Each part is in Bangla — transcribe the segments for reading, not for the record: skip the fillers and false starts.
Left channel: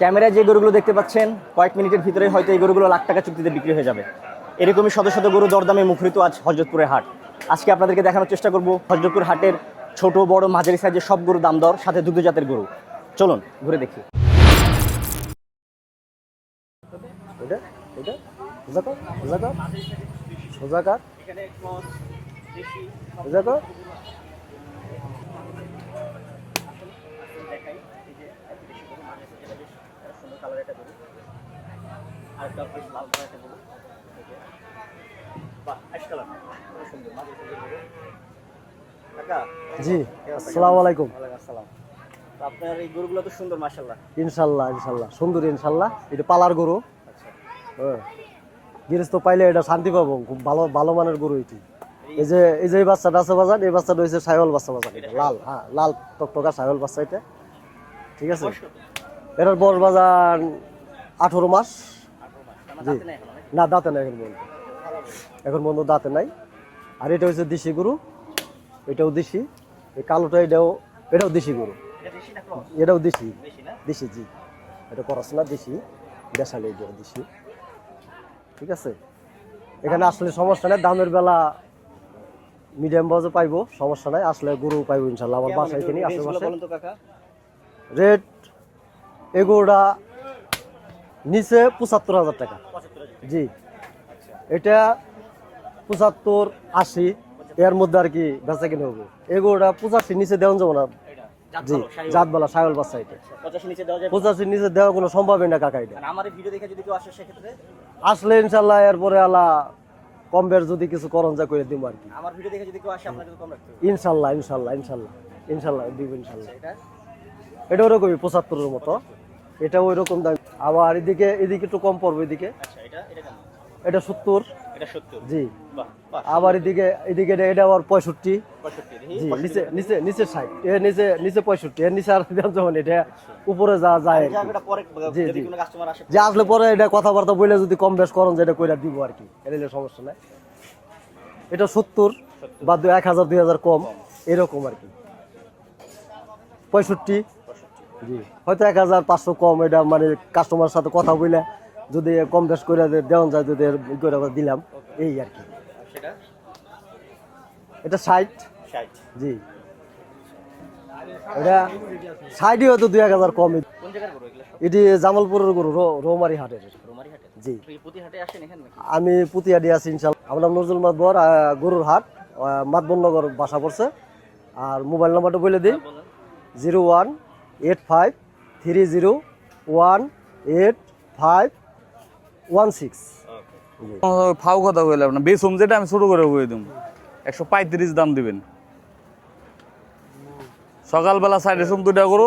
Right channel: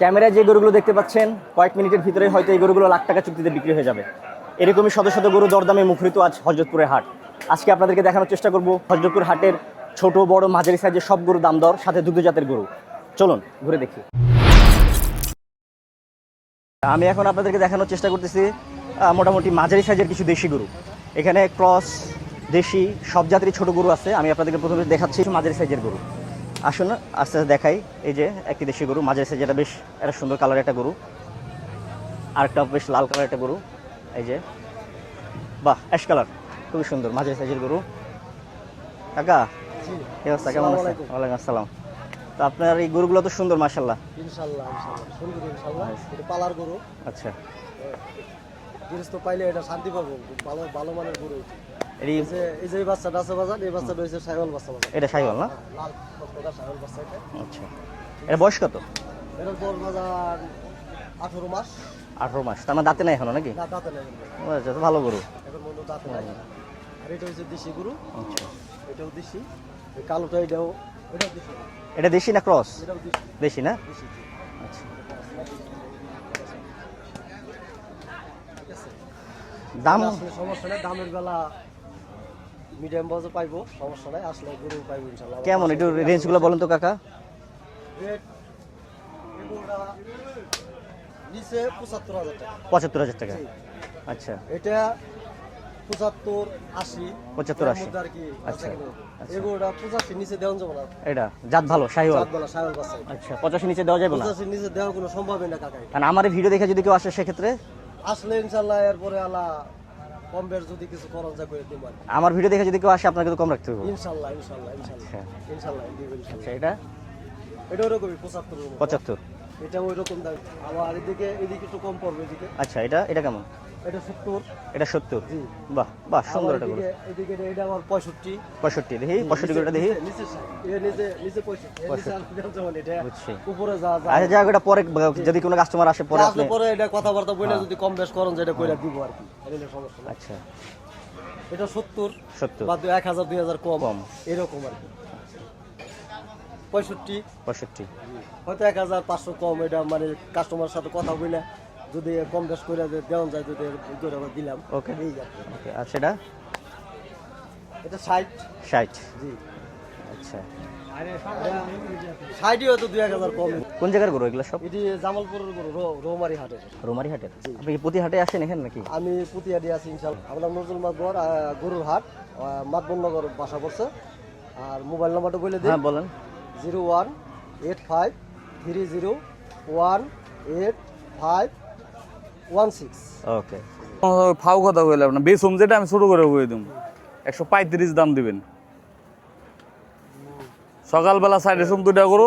ক্যামেরায় যে গরুগুলো দেখতে পাচ্ছেন কয়েক মিনিটের ভিতরে হয়তো এই গরুগুলো লাখ টাকা চুক্তিতে বিক্রি হয়ে যাবে। এরকমই শত শত গরু দরদামে মুখরিত আজ হযরতপুরের হাট। আজকে আপনাদেরকে দেখানোর চেষ্টা করব হযরতপুর হাটের ছোট বড় মাঝারি সাইজের সব গরু দাম দর, সাথে দুগ্ধজাতের গরু। চলুন ঘুরে দেখি। আমি এখন আপনাদেরকে দেখানোর চেষ্টা করতেছি মোটামুটি মাঝারি সাইজের কিছু দেশি গরু। এখানে ক্রস, দেশি সব জাতেরই ছোট গরু আছে। আমি আপনাদেরকে প্রথমে দেখাচ্ছি মাঝারি সাইজের গরু। আসুন আস্তে আস্তে দেখাই। এই যে একটি দেশি গরু মাঝারি সাইজ, যেটা বেশ একটা সুন্দর কালার একটা গরু। আরেকটা বেশ লাল কালার একটা গরু। এই যে বাহ, অ্যাশ কালার, খুবই সুন্দর মাঝারি সাইজের গরু। কাকা জি, আসসালামু আলাইকুম। ওয়ালাইকুম আসসালাম। তো আপনার এই গরুগুলো তো সুন্দর মাশাআল্লাহ। ইনশাআল্লাহ ইনশাআল্লাহ সুন্দর, ইনশাআল্লাহ। এটা পালার গরু। আচ্ছা, গৃহস্থ পাইলে এটা শান্তি পাবো। খুব ভালো ভালো মানের গরু এটি। এই যে বাচ্চাটা আছে বাজার, এই বাচ্চাটা হচ্ছে সাইওয়াল বাচ্চা বাজার। এটা সাইওয়াল না? লাল টকটকা সাইওয়াল বাচ্চা এটা। আচ্ছা, ঠিক আছে। আছে। বয়স কত? এটার বয়স বাজার 18 মাস। 18 মাস। তার মানে দাঁতে নাই এখনো নাকি? না, দাঁতে নাই এখন পর্যন্ত। আচ্ছা, তো ভালো গরু। এখন পর্যন্ত দাঁতে নাই। আর এটা হচ্ছে দেশি গরু। আচ্ছা, এটাও দেশি। এই কালোটা এটাও দেশি গরু। এটা দেশি না ক্রস? এটাও দেশি। দেশি না? দেশি, জি। আচ্ছা, এটা পড়াশোনা দেশি, দেশালি দেশি। ঠিক আছে। দাম আসলে সমস্যা নাই, দামের বেলা মিডিয়াম বাজে পাইবো, সমস্যা নাই। আসলে গরু পাইবো ইনশাআল্লাহ। কেমন একটু রেঞ্জগুলো বলুন তো কাকা। রেট এগুলোটা নিচে 75,000 টাকা। 75,000 টাকা? জি। আচ্ছা, এটা 75, 80 75, এর মধ্যে আর কি বেচা কিনে হবে। এগুলোটা 85 নিচে দেওয়া যাবে না। এটা জাত ভালো শাহিওয়াল? জাত ভালো শাহিওয়াল বাচ্চা এটা। আচ্ছা, 85 নিচে দেওয়া যাবে না? 85 নিচে দেওয়া কোনো সম্ভবই না কাকা। এটা কারণ আমার এই ভিডিও দেখে যদি কেউ আসে সেক্ষেত্রে আসলে ইনশাআল্লাহ এরপরে আল্লাহ কম বের যদি কিছু করণ যা করে দিব আর কি। আমার ভিডিও দেখে যদি কেউ আসে আপনাকে তো কম রাখতে হবে। ইনশাআল্লাহ ইনশাআল্লাহ ইনশাআল্লাহ ইনশাআল্লাহ দিব ইনশাআল্লাহ। আচ্ছা, এটা এটা ওরকমই 75 এর মতো। 75? এটা ওই রকম দাম। আবার এদিকে একটু কম পড়বে এদিকে। আচ্ছা, এটা কেমন? এটা 70। এটা 70? জি। বাহ বাহ। আবার এদিকে এটা আবার 65। 65? দেখি 65 এটা দেখি। নিচে 60, এর নিচে 65, এর নিচে আর দাম যেমন এটা উপরে যা যায়। আচ্ছা, এটা পরে যদি কোনো কাস্টমার আসে যে আসলে পরে এটা কথাবার্তা বলে যদি কম বেশ করেন যেটা কইরা দিব আর কি, এলে সমস্যা নাই। আচ্ছা, এটা 70 বা 1000 2000 কম এরকম আর কি। 65? জি। হয়তো 1500 কম। এটা মানে কাস্টমারের সাথে কথা বলে যদি কম বেশ করে দেওয়া যায়, যদি করে দিলাম। ওকে, এই আর কি। আর সেটা? এটা 60। 60? জি। আচ্ছা, এটা 60 হয়তো 2000 কম। কোন জায়গার গরু এগুলো সব? এটি জামালপুরের গরু, রৌমারি হাটের। রোমারি হাটের? জি। আপনি কি প্রতি হাটে আসেন এখানে নাকি? আমি পুতিয়াডি আছি ইনশাআল্লাহ। আমার নাম নজরুল মাতবর, গরুর হাট, মাতবরনগর বাসা পড়ছে। আর মোবাইল নাম্বারটা বলে দিই। হ্যাঁ, বলেন। 0185301816। ওকে, ফাও কথা কইলাম না, বেসম যেটা আমি ছোট করে কই দিম 135 দাম দিবেন। সকালবেলা সাইডে সোম দুইটা করো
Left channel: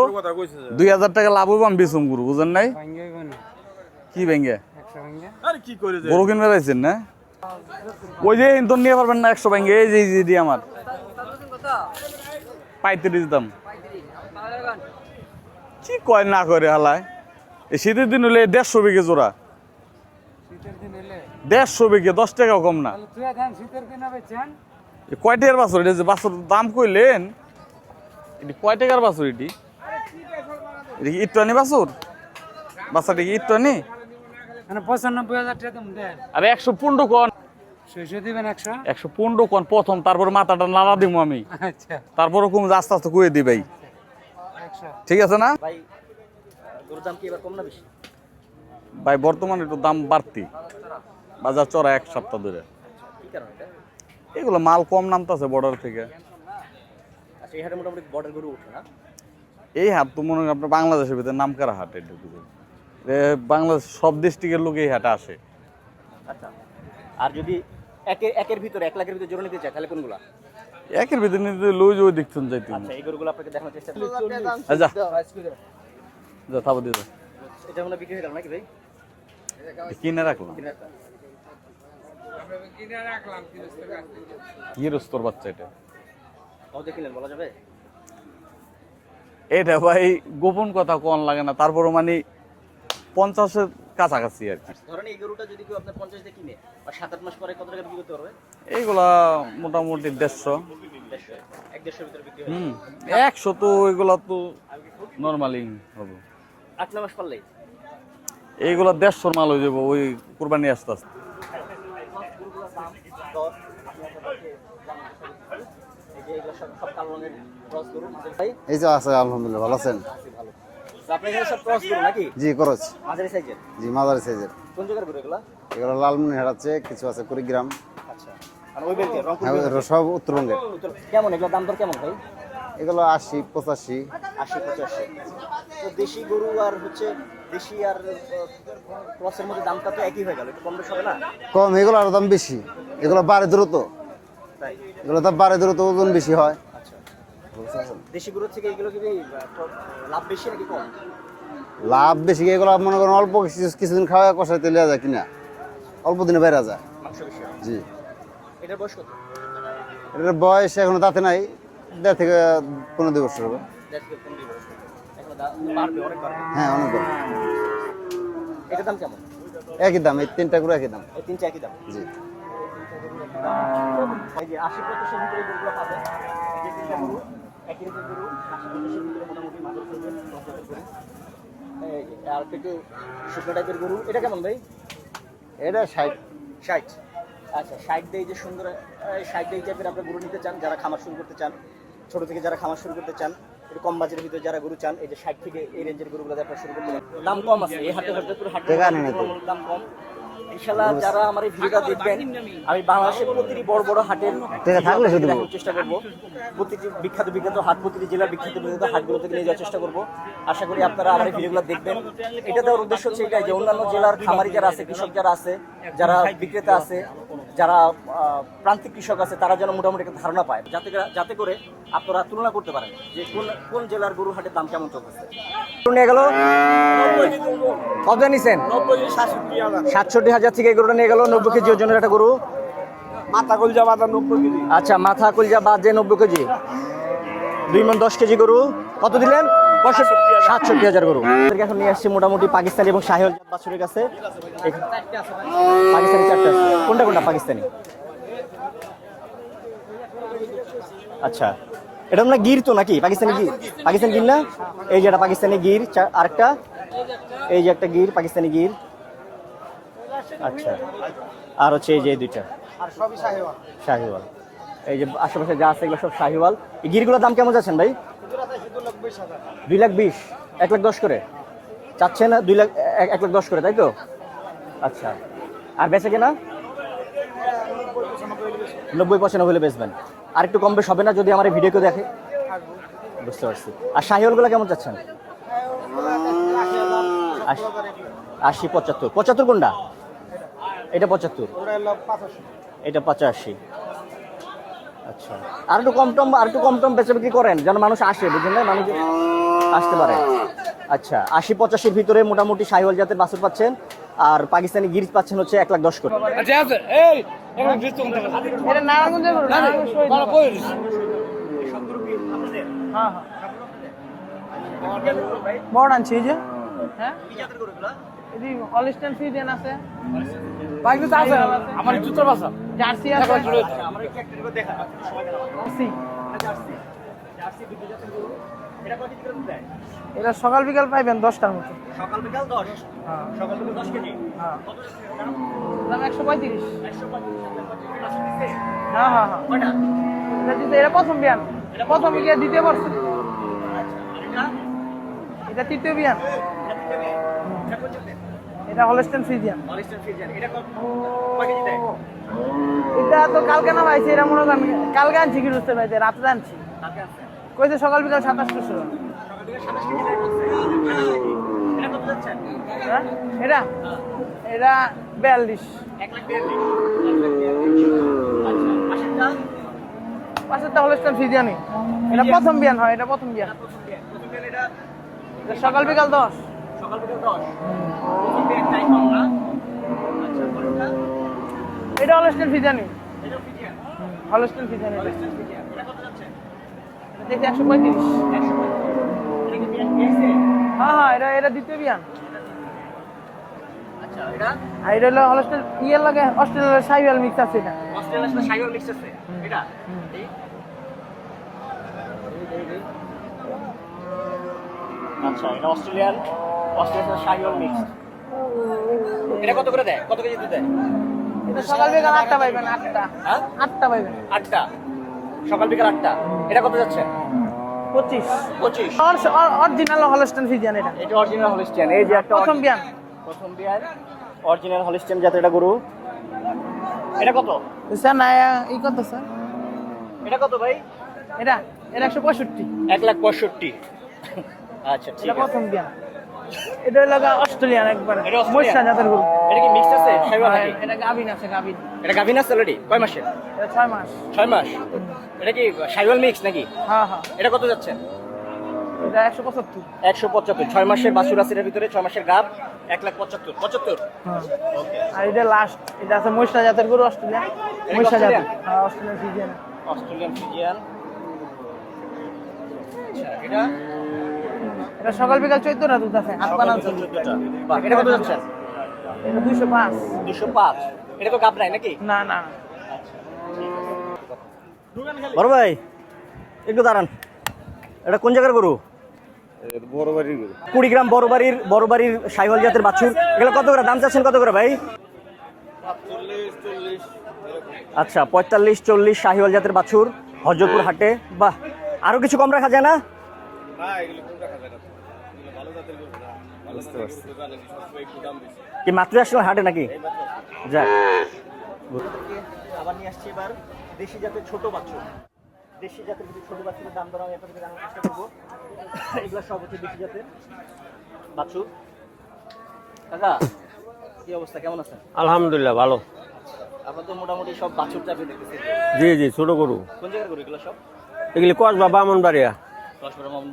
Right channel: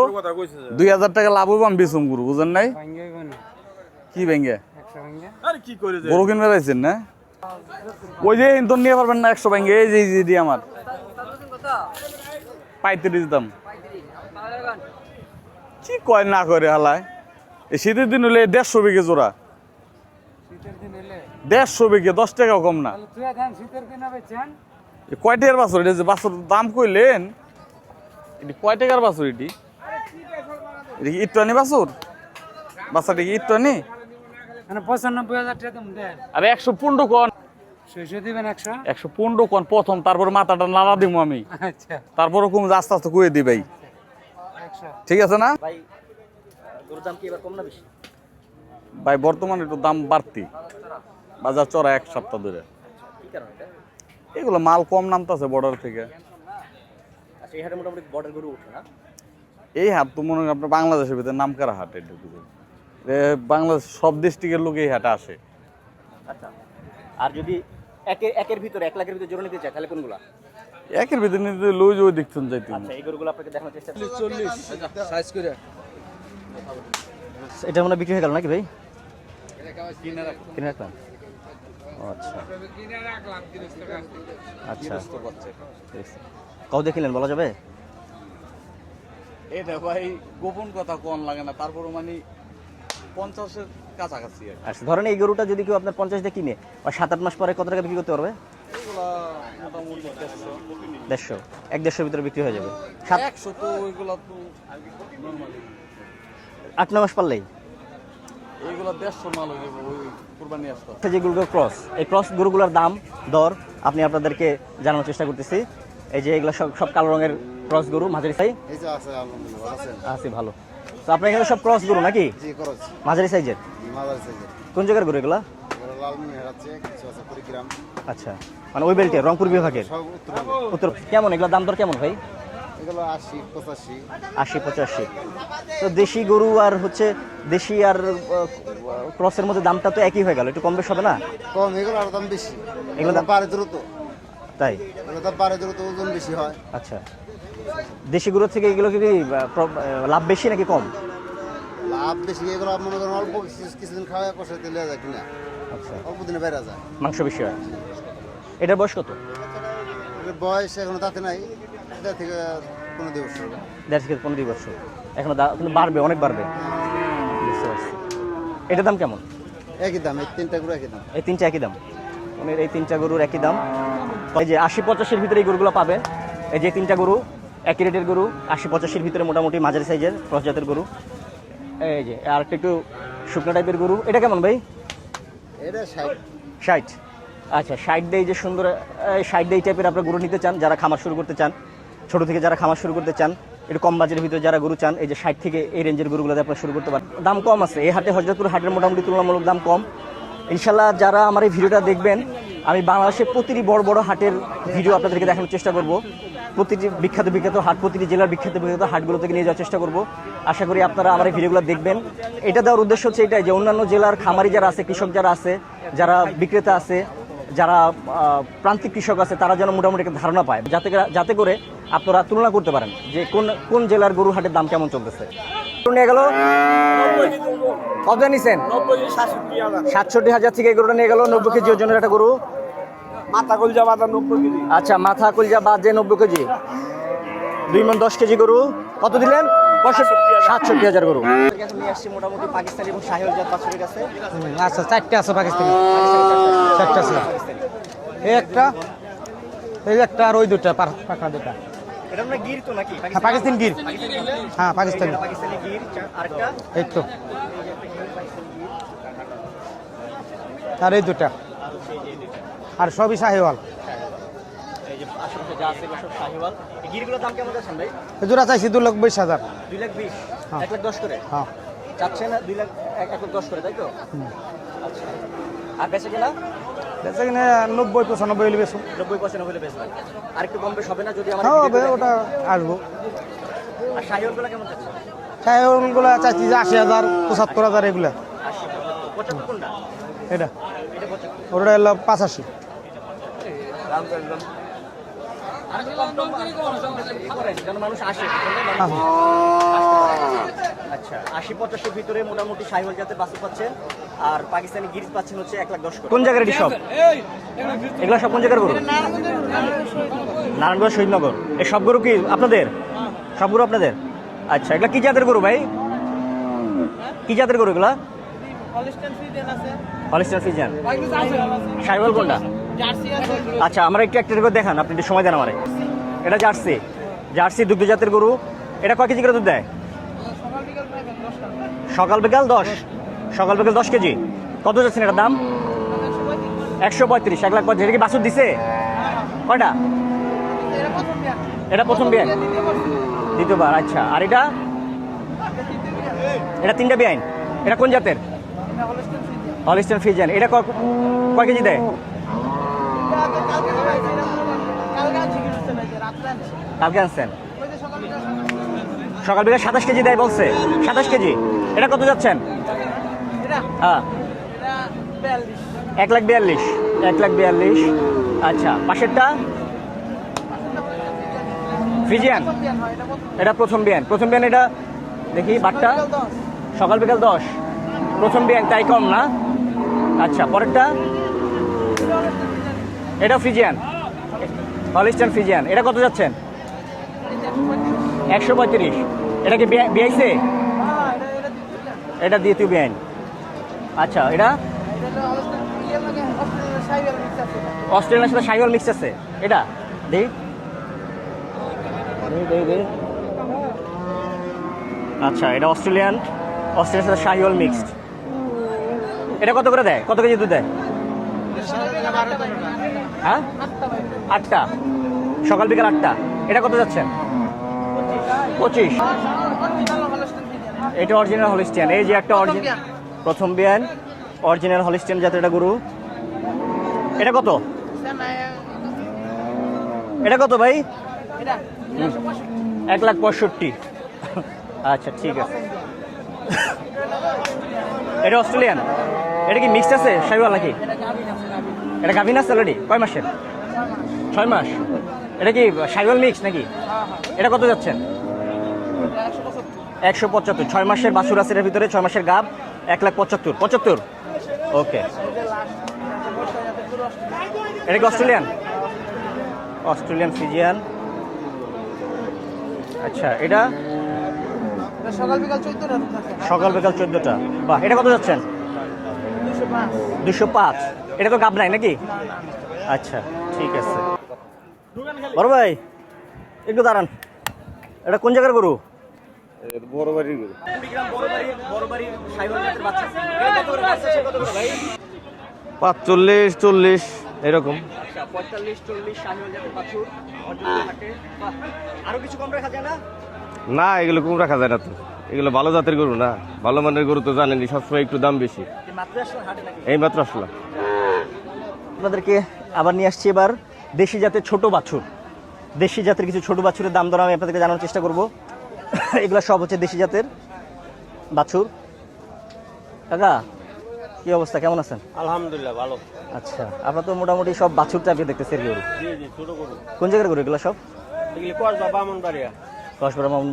2000 টাকা লাভ হইব, আমি বেসম করু, বুঝেন নাই? কি ভেঙ্গে গরু কিনবে পাইছেন না? ওই যে ইন্তন নিয়ে পারবেন না 100 ভেঙ্গে। এই যে দি আমার 35 দাম। কি কয় না করে হালায়। এই শীতের দিন হলে 150 বিঘে জোড়া। 150 বিঘে 10 টাকাও কম না। কয় টাকার বাছুর এটা? যে বাছুর দাম কইলেন, এটি কয় টাকার বাছুর? এটি কি ইট্টানি বাছুর? বাচ্চাটি কি ইট্টানি? 95,000 টাকা দেন। আরে 115 কোন, 600 দিবেন। 115 কোন প্রথম, তারপর মাথাটা নাড়া দিব আমি। আচ্ছা, তারপরে কম আস্তে আস্তে কয়ে দি ভাই। 100। ঠিক আছে না ভাই? গরুর দাম কি এবার কম না বেশি? ভাই বর্তমানে একটু দাম বাড়তি, বাজার চড়া এক সপ্তাহ ধরে। কি কারণ এটা? এগুলো মাল কম নামতেছে বর্ডার থেকে। আচ্ছা, এই হাটে মোটামুটি বর্ডার গরু ওঠে না? এই হাট তো মনে হয় আপনার বাংলাদেশের ভিতরে নামকরা হাট। এটা বাংলাদেশ সব ডিস্ট্রিক্টের লোক এই হাটে আসে। আচ্ছা, আর যদি একের ভিতরে 1 লাখের ভিতরে জোড়া নিতে চায় তাহলে কোনগুলা? একের ভিতরে নিতে লই ওই দেখছেন যাইতে। আচ্ছা, এই গরুগুলো আপনাকে দেখানোর চেষ্টা করছি। যা থাবো দিয়ে এটা মনে হয় বিক্রি হয়ে গেল নাকি ভাই? কিনে রাখো, কিনে রাখলাম। আচ্ছা, গিরস্তর বাচ্চা এটা। কও দেখিলেন, বলা যাবে? এটা ভাই গোপন কথা কোন লাগে না, তারপরে মানে 50-এর কাছাকাছি আর কি। আচ্ছা, ধরেন এই গরুটা যদি কেউ আপনার 50 দিয়ে কিনে, আর 7-8 মাস পরে কত টাকা বিক্রি করতে পারবে? এইগুলা মোটামুটি 150, 150 ভিতরে বিক্রি হয়ে যাবে। 100 তো এগুলা তো নর্মালি হবে। 8-9 মাস পারলেই? এইগুলো 150 মাল হয়ে যাবে ওই কুরবানি আসতে আসতে। যে গরুগুলো ক্রস, এই ক্রস গরুগুলোর দাম দর আপনি আপনাদেরকে জানানোর চেষ্টা করতেছি। এই যে এগুলো সব কালো রঙের ক্রস গরু মাঝারি সাইজ। এই যে আছে আলহামদুলিল্লাহ, ভালো আছেন? আছি ভালো। তো আপনার এখানে সব ক্রস গরু নাকি? জি খরচ, মাঝারি সাইজের? জি মাদার সাইজের। কোন জায়গার গরু এগুলা? এগুলো লালমনিরহাট আছে, কিছু আছে কুড়িগ্রাম। আচ্ছা, মানে ওই বেল্টে রংপুর বিভাগে সব উত্তরবঙ্গের। উত্তর। কেমন এগুলোর দাম দর কেমন ভাই? এগুলো 80, 85। 80-85। তো দেশি গরু আর হচ্ছে দেশি আর ক্রসের মধ্যে দামটা তো একই হয়ে গেল, একটু কম বেশ হবে না? কম, এগুলো আরো দাম বেশি। এগুলো বাড়ে দ্রুত, তাই? এগুলো দাম বাড়ে দ্রুত, ওজন বেশি হয়। আচ্ছা, দেশি গরুর থেকে এগুলো কি লাভ বেশি নাকি কম? লাভ বেশি। এগুলো মনে করেন অল্প কিছুদিন খাওয়া কষাই তেলে যায় কিনা, আচ্ছা, অল্প দিনে বেড়া যায়। মাংস বেশি হয়। জি। এটার বয়স কত? এটার বয়স এখনো তাতে নাই, 1.5 থেকে 15 বছর হবে। 1.5 থেকে 15 বছর। এখনো কিন্তু বাড়বে, অনেক বাড়বে। হ্যাঁ, অনেক বড়। এটার দাম কেমন? একই দাম, এই 3টা করে একই দাম। এই 3টা একই দাম? এই 3টা গরুর একই দাম। এই যে 80-85-এর ভিতরে এই গরুগুলো পাবেন। এই যে 3টা গরু একই রেটের গরু, 80-85-এর ভিতরে মোটামুটি মাঝারি সাইজের ক্রস জাতের গরু। এই যে আর একটু শুকনো টাইপের গরু। এটা কেমন ভাই? এটা 60। 60। আচ্ছা, 60 দিয়ে যে সুন্দর 60 দিয়ে টাইপের আপনার গরু নিতে চান, যারা খামার শুরু করতে চান, ছোট থেকে যারা খামার শুরু করতে চান, একটু কম বাজেটের ভিতরে যারা গরু চান, এই যে 60 থেকে এই রেঞ্জের গরুগুলোতে আপনারা শুরু করতে পারেন। দাম কম আছে এই হাটে, হযরতপুর হাটের মোটামুটি তুলনামূলক দাম কম। ইনশাল্লাহ যারা আমার এই ভিডিওটা দেখবেন, আমি বাংলাদেশের প্রতিটি বড় বড় হাটের ভিডিও আপনাদেরকে দেখানোর চেষ্টা করব। প্রতিটি বিখ্যাত হাট, প্রতিটি জেলার বিখ্যাত হাটগুলো থেকে নিয়ে যাওয়ার চেষ্টা করব। আশা করি আপনারা আমার এই ভিডিওগুলো দেখবেন। এটা দেওয়ার উদ্দেশ্য হচ্ছে এটাই যে অন্যান্য জেলার খামারি যারা আছে, কৃষক যারা আছে, যারা বিক্রেতা আছে, যারা প্রান্তিক কৃষক আছে, তারা যেন মোটামুটি একটা ধারণা পায়, যাতে করে আপনারা তুলনা করতে পারেন যে কোন জেলার গরু হাটের দাম কেমন চলতেছে। নিয়ে গেল কত নিছেন? 67,000 থেকে এই গরুটা নিয়ে গেল। 90 কেজি ওজনের একটা গরু। মাথা কলজা বাদা 90 কেজি। আচ্ছা, মাথা কলজা বাদ যে 90 কেজি, 2 মণ 10 কেজি গরু। কত দিলেন? 67,000 গরু। এখন নিয়ে আসছে মোটামুটি পাকিস্তানি এবং শাহিওয়াল জাত বাছুরের কাছে। আচ্ছা, 4টে আছে পাকিস্তানি। পাকিস্তানি 4টা আছে। কোনটা পাকিস্তানি? এই একটা, এই একটা আর ওই দুটো। আচ্ছা, এটা না গির তো নাকি? পাকিস্তানি গির। পাকিস্তানি গির না? হ্যাঁ, পাকিস্তানি। এই যে এটা পাকিস্তানি গির, আরেকটা এই তো, এই যে একটা গির, পাকিস্তানি গির। আচ্ছা, আর এই দুটা, আর হচ্ছে এই যে এই দুইটা আর সবই শাহিওয়াল। শাহিওয়াল। এই যে আশেপাশে যা আছে এগুলো সব শাহিওয়াল। এই গিরগুলোর দাম কেমন যাচ্ছেন ভাই? জোড়া চাইছি 2,20,000। 2,20,000, 1,10,000 করে। হ্যাঁ, চাচ্ছেন 1,10,000 করে, তাই তো? আচ্ছা, আর বেচে কিনা? এখানে 90-95 হলে বেশি। 90-95 হলে বেচবেন। আর একটু কম বেশ হবে না যদি আমার এই ভিডিওতে দেখেন? আসবো। বুঝতে পারছি। আর শাহিওয়ালগুলো কেমন চাচ্ছেন? শাহিওয়ালগুলো চাইছি যে 80,000, 75,000 এগুলা। 80-75। 75 কোনটা? এটা এটা 75। ওটা হলো 85। এটা 85। আর একটু কম টম বেচা বিক্রি করেন যেন মানুষ আসে, বুঝলেন না? মানুষ আসতে পারে। আচ্ছা, 80-85-এর ভিতরে মোটামুটি শাহিওয়াল জাতের বাছুর পাচ্ছেন, আর পাকিস্তানি গির পাচ্ছেন হচ্ছে 1,10,000 করে। কোন জায়গার সব? এগুলো সব কোন জায়গার গরু? নারায়ণগঞ্জ শহীদনগর। এই সব গরু কি আপনাদের? সব গরু আপনাদের? আচ্ছা, এগুলা কি জাতের গরু ভাই? বড় আনছি এই যে। কি জাতের গরু এগুলা? এদি হলিস্টাইন ফ্রিজিয়ান আছে। Holstein Friesian. আছে। শাহিওয়াল কোনটা? জার্সি আছে। আচ্ছা, আমরা একটু একটা করে দেখান, আপনি একটু সময় দেন আমারে। এটা জার্সি দুগ্ধ জাতের গরু। এটা কয় কেজি করে দুধ দেয়? এটা সকাল বিকাল পাইবেন 10টার মধ্যে। সকাল বিকাল 10 কেজি। কত যাচ্ছেন এটার দাম? 135। 135। 1 লাখ 50। এটা কি বাছুর দিছে? হ্যাঁ। কয়টা? এটা প্রথম বিয়ান। এটা প্রথম বিয়ান। দ্বিতীয় বছর। দ্বিতীয়বার। আচ্ছা, আর এটা? এটা তৃতীয় বিয়ান। এটা 3টা বিয়ান। এটা কোন জাতের? এটা হলিস্টাইন ফ্রিজিয়ান। Holstein Friesian. এটা কয় কেজি দেয়? এটা তো কালকে না ভাইছে, এটা মনে করেন কালকে আনছি, কি বুঝতে পারছি, রাত্রে আনছি। কালকে আনছেন? ওই যে সকাল বিকাল 27। সকাল বিকাল 27 কেজি দেয় বলছে। 27 কেজি। এটা কত যাচ্ছেন? এটা হ্যাঁ, এটা 42। 1,42,000। 1,42,000। আচ্ছা, পাশেরটা? পাঁচটা হলিস্টাইন ফ্রিজিয়ান। ফ্রিজিয়ান প্রথম বিয়ান হয়, এটা প্রথম বিয়ান। এটা প্রথম বিয়ান। এটা দেখি সকাল বাটটা। বিকাল 10। সকাল বিকাল 10। প্রথম বিয়ান, তাই কম না? আচ্ছা, পরেরটা? এটা হলিস্টাইন ফ্রিজিয়ান। এটা ফ্রিজিয়ান। Holstein Friesian. এটা কত যাচ্ছেন? এটা 135। 135। এটা কি বিয়াইছে? হ্যাঁ, এটা দ্বিতীয় বিয়ান। এটা দ্বিতীয় বিয়ান। আচ্ছা, এটা আর এটা হলো হলিস্টাইন ইয়ে লাগে, অস্ট্রেলিয়ার শাহিওয়াল মিক্স আছে। এটা অস্ট্রেলিয়ার সাথে শাহিওয়াল মিক্স আছে। এটা দেখ। আচ্ছা, এটা অস্ট্রেলিয়ার সাথে শাহিওয়াল মিক্সড। এটা কত করে দেয়, কত কেজি দুধ দেয়? সকাল বিকাল 8টা পাইবেন, 8টা হ্যাঁ 8টা পাইবেন, 8টা, সকাল বিকাল 8টা। এটা কত যাচ্ছেন? 25 25। অরিজিনাল হলস্টাইন ফ্রিজিয়ান এটা। এটা অরিজিনাল হলিস্টিয়ান। এই যে একটা প্রথম বিয়ান। প্রথম বিয়ান অরিজিনাল হলিস্টিয়ান জাতের এটা গরু। এটা কত? স্যার না এই কত স্যার? এটা কত ভাই? এটা 165। 1,65,000। আচ্ছা ঠিক এটা আছে। প্রথম বিয়ান। এটা হলো অস্ট্রেলিয়ান একবার। এটা অস্ট্রেলিয়ান। মহিষা জাতের গরু। এটা কি মিক্সড আছে শাইওয়াল নাকি? এটা গাভিন আছে, গাভিন। এটা গাভিন আছে অলরেডি? কয় মাসের? এটা 6 মাস। 6 মাস। এটা কি শাইওয়াল মিক্স নাকি? হ্যাঁ হ্যাঁ। এটা কত যাচ্ছেন? এটা 175। 175। 6 মাসের বাছুর আছে এর ভিতরে, 6 মাসের গাব। 1,75,000। 75। ওকে। আর এটা লাস্ট, এটা আছে মহিষা জাতের গরু, অস্ট্রেলিয়ান। এটা কি অস্ট্রেলিয়ান? হ্যাঁ, অস্ট্রেলিয়ান ফ্রিজিয়ান। Australian Friesian. আচ্ছা এটা এটা সকাল বিকাল 14টা দুধ আছে। সকাল বিকাল 14টা। বাহ, এটা কত যাচ্ছেন? এটা 205। 205। এটা তো গাব নাই নাকি? না না। আচ্ছা ঠিক আছে। বড় ভাই একটু দাঁড়ান, এটা কোন জায়গার গরু? বড় বাড়ির গরু। কুড়িগ্রাম বড়বাড়ির শাইওয়াল জাতের বাছুর। এগুলো কত করে দাম চাচ্ছেন, কত করে ভাই? 45, 40 এরকম। আচ্ছা 45, 40 শাহিওয়াল জাতের বাছুর হরজতপুর হাটে। বাহ, আরো কিছু কম রাখা যায় না? না, এগুলো কম রাখা যায় না তো। এগুলো ভালো জাতের গরু না, ভালো মানের গরু তো জানেনই, সবসময় একটু দাম বেশি। কি মাত্র আসলে হাটে নাকি? এই মাত্র আসলাম। যাক, আপনাদেরকে আবার নিয়ে আসছি এবার দেশি জাতের ছোট বাছুর। দেশি জাতের কিছু ছোট বাছুরের দাম দর আমি আপনাদেরকে জানানোর চেষ্টা করব। এগুলো সব হচ্ছে দেশি জাতের বাছুর। কাকা কি অবস্থা, কেমন আছেন? আলহামদুলিল্লাহ ভালো। আচ্ছা, আমরা তো মোটামুটি সব বাছুর টাইপের দেখতেছি এর গরু। জি জি, ছোট গরু। কোন জায়গার গরু এগুলো সব? এগুলি কসবা বামনবাড়িয়া।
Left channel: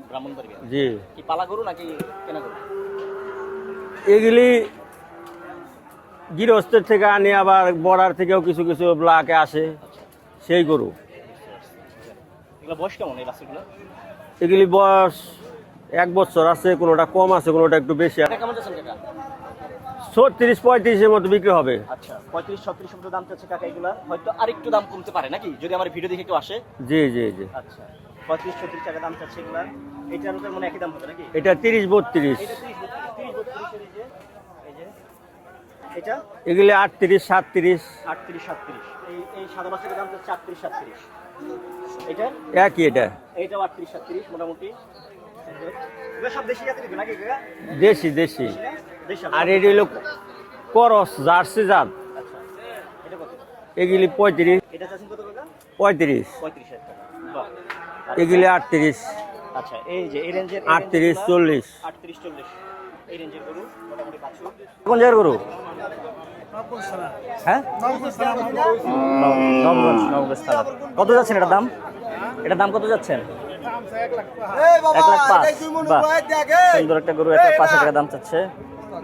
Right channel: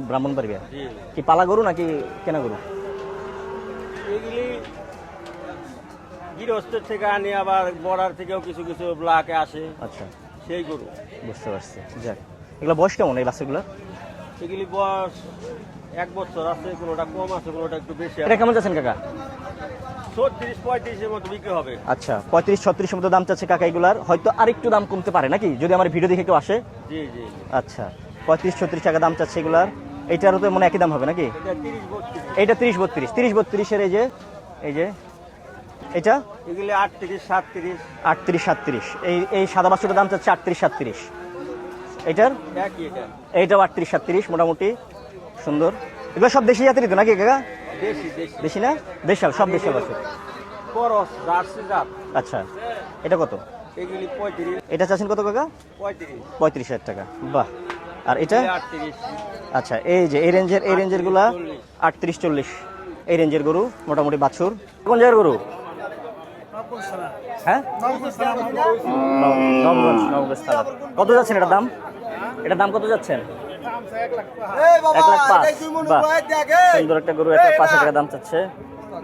ব্রাহ্মণবাড়িয়া। জি, কি পালা গরু নাকি কেনা গরু? এগুলি গৃহস্থের থেকে আনি, আবার বর্ডার থেকেও কিছু কিছু ব্লকে আসে, আচ্ছা সেই গরু। বুঝতে পারছি। যাক, এগুলো বয়স কেমন এই বাছুরগুলো? এগুলি বয়স 1 বছর আছে, কোনোটা কম আছে, কোনোটা একটু বেশি। এটা কেমন যাচ্ছেন কাকা? 36-35 মতো বিক্রি হবে। আচ্ছা 35-36 মতো দাম চাচ্ছে কাকা এগুলার। হয়তো আরেকটু দাম কমতে পারে নাকি, যদি আমার ভিডিও দেখে কেউ আসে? জি জি জি। আচ্ছা 35-36 টাকা দাম চাচ্ছে এগুলার। এইটারও তো মনে একই দাম হবে নাকি? এটা 30-32। এইটা 30-32। 30-32 এর এই যে এটা এগুলি 38-37। 38-37। এই সাদা বাছুরটার দাম চাচ্ছে 38-37। এইটার একই এটা। এইটাও 38-37 মোটামুটি সুন্দর। এগুলো সব দেশি জাতেরই তো নাকি কাকা? দেশি দেশি। দেশি না দেশাল আর সব এটি দেশাল হলো আছে। করস জার্সি জাত। আচ্ছা এটা কত? এগুলি 35। এটা চাচ্ছেন কত কাকা? 35। 35,000 টাকা। বাহ। আর এগুলি এটা? 38। আচ্ছা এই যে এই রেঞ্জের 38-40। 38-40 এই রেঞ্জের গরু মোটামুটি বাছুর। কোন জায়গার গরু? হ্যাঁ নবগঞ্জ থানা। কত যাচ্ছেন এটার দাম? এটার দাম কত যাচ্ছেন? 1,05,000। বাহ, সুন্দর একটা গরু। 1,05,000 টাকা দাম চাচ্ছে।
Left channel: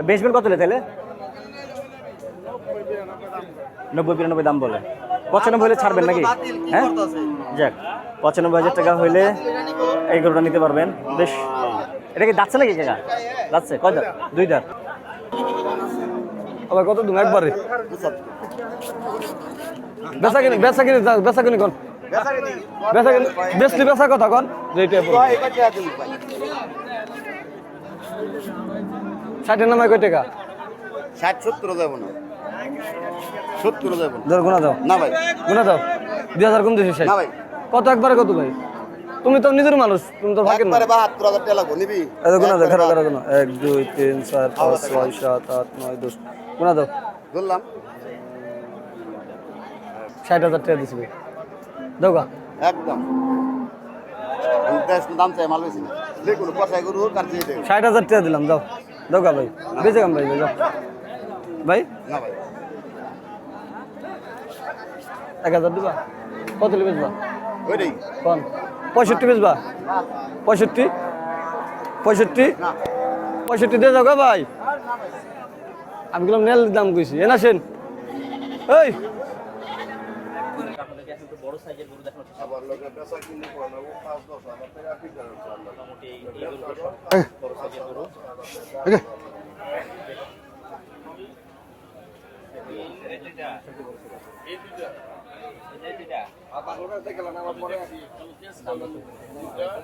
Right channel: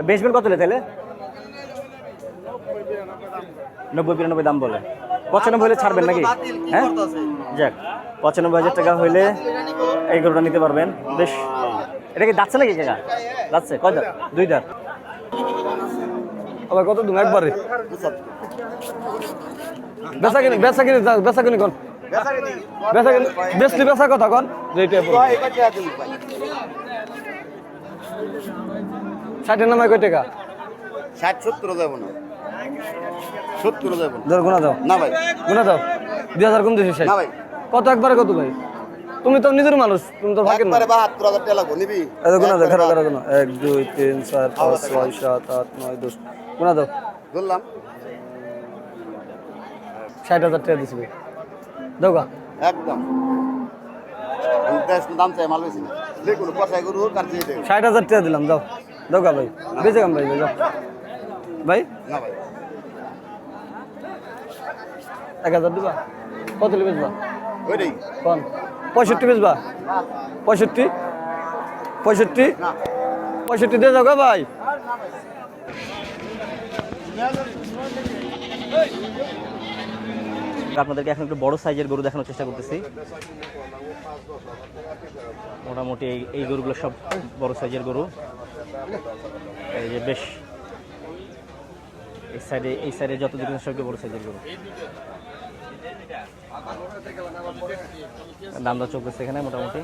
বেচবেন কত তাহলে? 90-92 দাম বলে। 95 হলে ছাড়বেন নাকি? হ্যাঁ যাক, 95,000 টাকা হইলে এই গরুটা নিতে পারবেন। বেশ, এটা কি যাচ্ছে নাকি কাকা? যাচ্ছে কয় দাঁত? 2 দাঁত। আবার কত দিন একবারে বেচা কিনি কোন বেচা কথা কোন যেটা 60 নামায় কয় টাকা? 60-70 যাবো না, 70 যাবো না। ধর গুনা দাও না ভাই, গুনা দাও 2000 কম দিছিস না ভাই, কত একবারে কত ভাই? তুমি তো নিজের মানুষ, তুমি তো ভাগের না। একবারে 72,000 টাকা লাগবো, নিবি? এই গুনা দাও, খারাপ খারাপ গুনা 1 2 3 4 5 6 7 8 9 10 গুনা দাও। ধরলাম 60,000 টাকা দিছি ভাই, দাও গা। একদম। আমি বেশ দাম চাই, মাল বেশি না। যে কোনো কষাই গরু হোক আর যে দেখ। 60,000 টাকা দিলাম, দাও দাও গা ভাই, বেঁচে গাম ভাই, যাও ভাই। না ভাই, 1000 দিবা? কত লিবে দিবা ওইটাই। কোন? 65 বেচবা? 65 না 65 দিয়ে যাও গা ভাই। আমি তো মেল দাম কইছি, এনা সেন এই আপনাদেরকে এখন একটু বড় সাইজের গরু দেখানোর চেষ্টা করতেছি। মোটামুটি এই গরুগুলো সব বড় সাইজের গরু। এই যে বেশ এই সাইডে যত দিকে সব বড় সাইজের গরু। দাম দর চলতেছে এখানে মোটামুটি।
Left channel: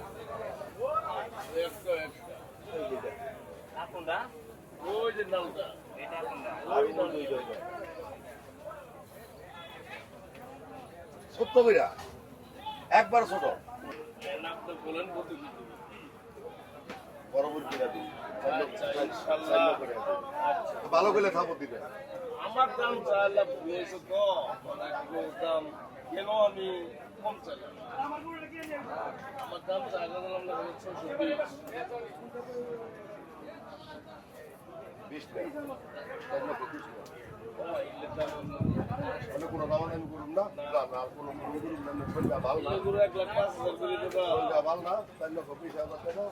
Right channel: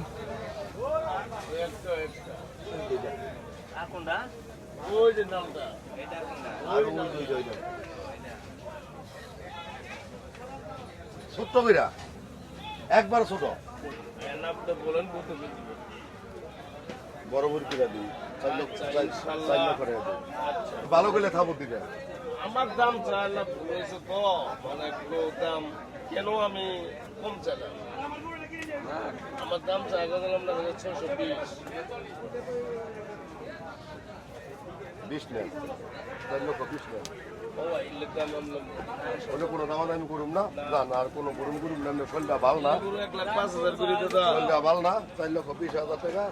ছোট্ট কইরা একবার ছোট বড় বড় কিনা দিই ভালো করে খাবো দিবে আমার দাম চাইলাম তো মানে একটু দাম কেন আমি কম চাইলাম আমার দাম চাইলাম না 620 20 নেন 4 লক্ষ 20 নেন ও ভাই ইলেকট্রাম ওটা কোনো দাম আমি করুম না না না আর কোনো করুম না সন্ধ্যা ভালো না পুরো 1,05,000 করে দাদা সন্ধ্যা ভালো না 4 লক্ষ 20,000 টাকা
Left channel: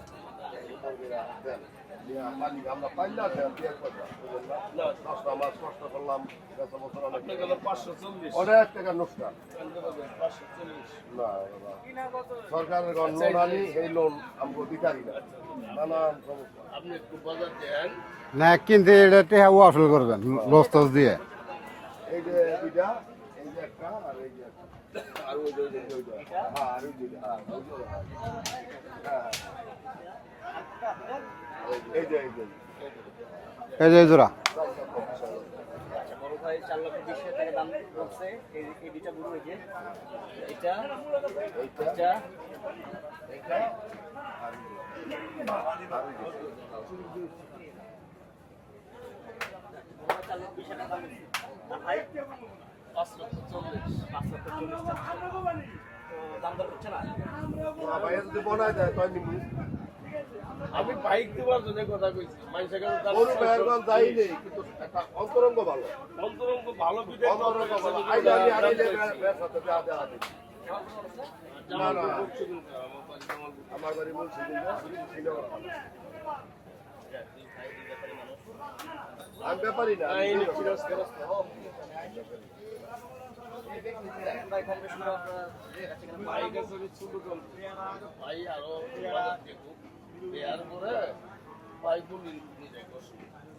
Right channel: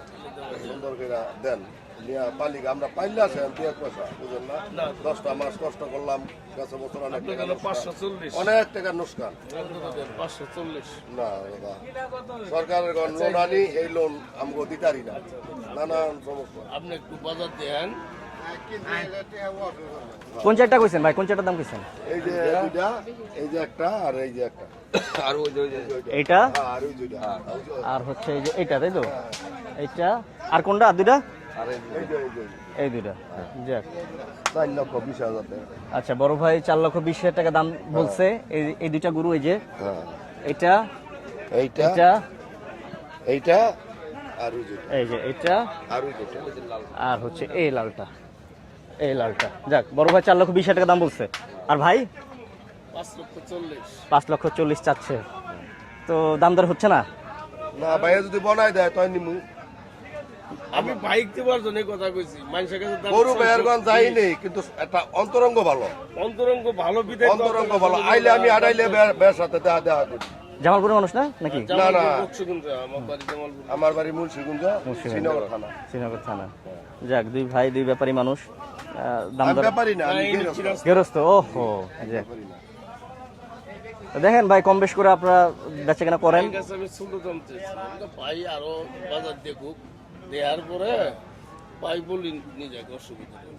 সুন্দর করে দেন নিয়া পালিকা আমরা পাইলে আসে 2 পয়সা বুঝলেন না 10টা মাস কষ্ট করলাম গেছে বছর অনেক টাকা 540 অনেক টাকা নষ্ট 540 না দাদা সরকারের লোন আনি এই লোন আমরা দিতারি না নানান সমস্যা আপনি একটু বাজার দেন না কিন্তু এটা টেহা আসল করবেন কোন চারটা কইছেন ভাই, কোন চারটার দাম কইছেন? এই যে দুইটা এই যে একটা আর এই যে একটা আর ওই যে এইটা আর ওই দুইটা আর হচ্ছে এই যে এইটা, তাই তো? এইটা আর কোনটা? আর দুইটা? আর এই যে এই দুইটা। যাক। এই যে জোড়া 4 লক্ষ 20,000 টাকা আচ্ছা, বড় ভাই 4,20,000 টাকা দাম বলছে। এই দুইটা গরু, এই যে হ্যাঁ এইটা, এইটা এটা, এইটা আর ওই যে এই যে এইটা, আর ওই যে আর হচ্ছে এই লালটা, এই লালটা। যাক, বড় ভাই 4,20,000 টাকা দাম বলছে। আর ভাই 5,40,000 চাচ্ছে, তো দাম দর হচ্ছে না। না ভাইয়া যদি বনাই দেয় তাই নিমু আমি বাইক দেওয়ার জন্য কথা কইছি মানুষের কাছে দাম গরু ভাইয়ারগঞ্জ যাই নেই কিন্তু একটা অন্তরঙ্গ ভালো অন্তরঙ্গ ভালো বিদায় অন্তরঙ্গ ভালো আইলে আমি আড়াইলে বের সাথে দেওয়া করি জামালপুরের মানুষ না নাকি? না না আমার বাড়ি জামালপুর আমার বাড়ি মুন্সিগঞ্জ শ্রীনগর থানা শ্রীনগর থানা। যাক, দুই ভাই দুই ব্যাপারী মানুষ, দাম আমি দর ব্যাপারই না আমি গৃহস্থ। গেরস্ত। ওহো, যাক। তো দেখেন ভাই, কম বেশ করে আপনারা বেচা কেনা করেন। ঠিক আছে, আমি ছোট দাম চাইছি ভাই আরো বাজার দেখুক দেওয়ার পরে ভাই বলি নিয়ে যাক, অসুবিধা নেই।